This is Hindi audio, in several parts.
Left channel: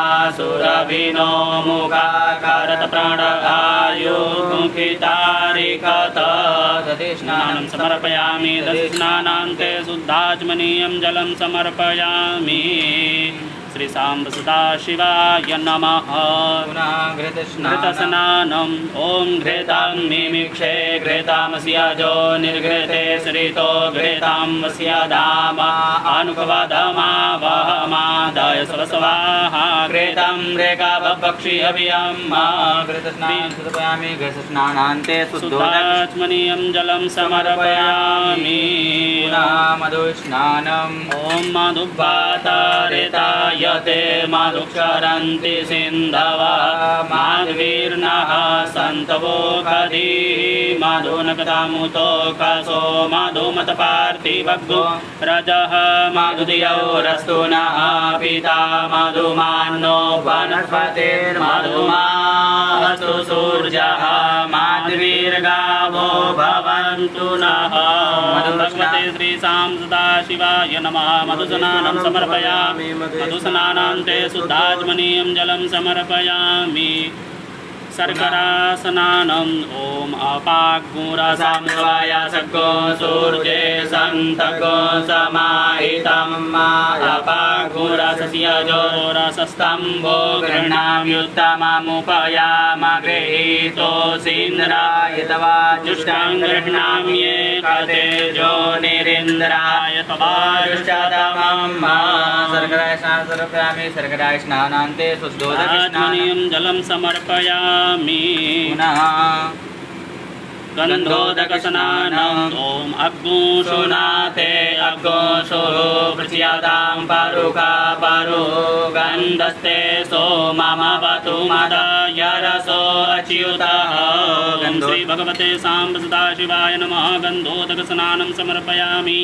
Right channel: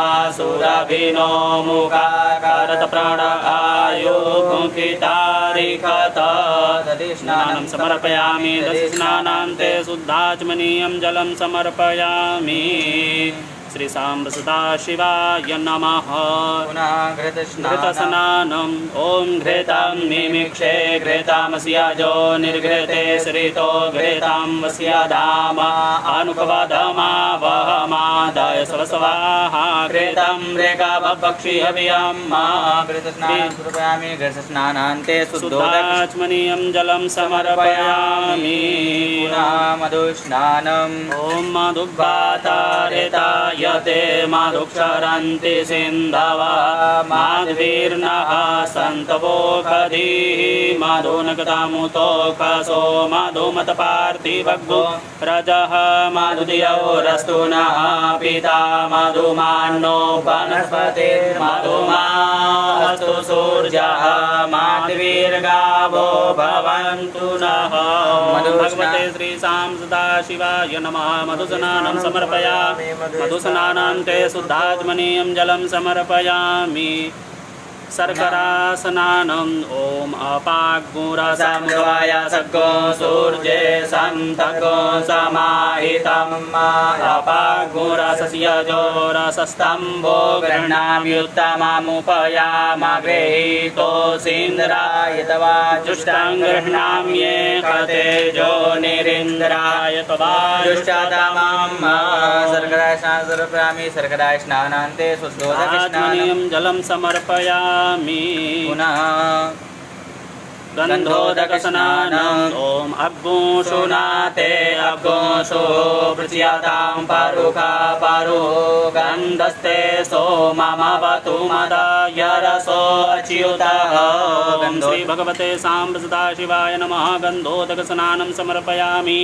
सुरभिनो मुखा करत प्राणायुमुखितारिकत दधिस्नानं समर्पयामि दधिस्नानान्ते शुद्धाचमनीयं जलं समर्पयामि। श्री सांब सदाशिवाय नमः। घृतस्नानम् ॐ घृतां मिमिक्षे घृतामस्याजो निर्घृते श्रितो घृतां वस्याधाम अनुपवादमावहमादाय स्वस्वाहा घृतं रेखा भक्षि अभियाम्मा घृतस्नानान्ते घृतस्नानान्ते शुद्धोदकमनीयं जलं समर्पयामि। मधुस्नानम् ॐ मधुवातारेताय यते मधुक्षरन्ति सिन्धवः माध्वीर्नः सन्तवो खदीः मधुनकतामुतोकसो मधुमतपार्थिवग्गो रजः मधुदियौ रस्तु नः पिता मधुमान्नो वनस्पतिर्मधुमास्तु सूर्यः माध्वीर्गावो भवन्तु नः। भगवते श्री सांब सदाशिवाय नमः। मधुस्नानं समर्पयामि मधुस्नानान्ते शुद्धाचमनीयं जलं समर्पयामि। शर्करास्नानम् ॐ अपाग्मुरसमवाय सग्गो सूर्ये सन्तगो समाहितं अपाग्मुरसस्यजो रसस्तम्भो गृह्णाम्युत्तममुपयाम गृहीतोऽसीन्द्राय तवा जुष्टां गृह्णाम्ये खतेजो निरीन्द्राय तवा जुष्टतमम्। सर्कराय स्नानान्ते शुद्धोदकमनीयं जलं समर्पयामि। पुनः गन्धोदकस्नानम् ॐ अग्गोषुनाते अग्गोषो प्रचयातां पारुखा पारु गन्धस्ते सोममवतु मदाय रसो अच्युतः। श्री भगवते सांब सदाशिवाय नमः। गन्धोदकस्नानं समर्पयामि।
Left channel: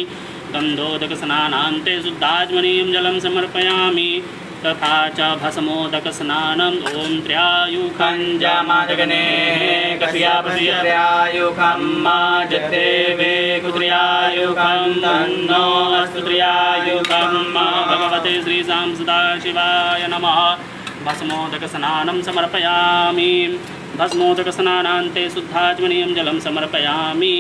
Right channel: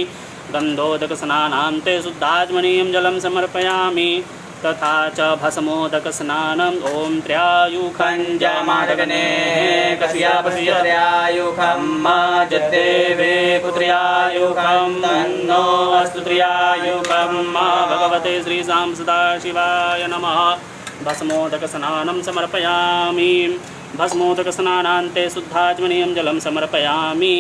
गन्धोदकस्नानान्ते शुद्धाचमनीयं जलं समर्पयामि। तथा च भस्मोदकस्नानम् ॐ त्र्यायुखञ्जमादगने कस्यापस्यत्र्यायुखं जत्रेवे कुत्र्यायुखं तन्नो अस्तु त्र्यायुखं। भगवते श्री सांब सदाशिवाय नमः। भस्मोदकस्नानं समर्पयामि। भस्मोदकस्नानान्ते शुद्धाचमनीयं जलं समर्पयामि।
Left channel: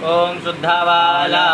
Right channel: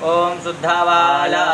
ॐ शुद्धावाला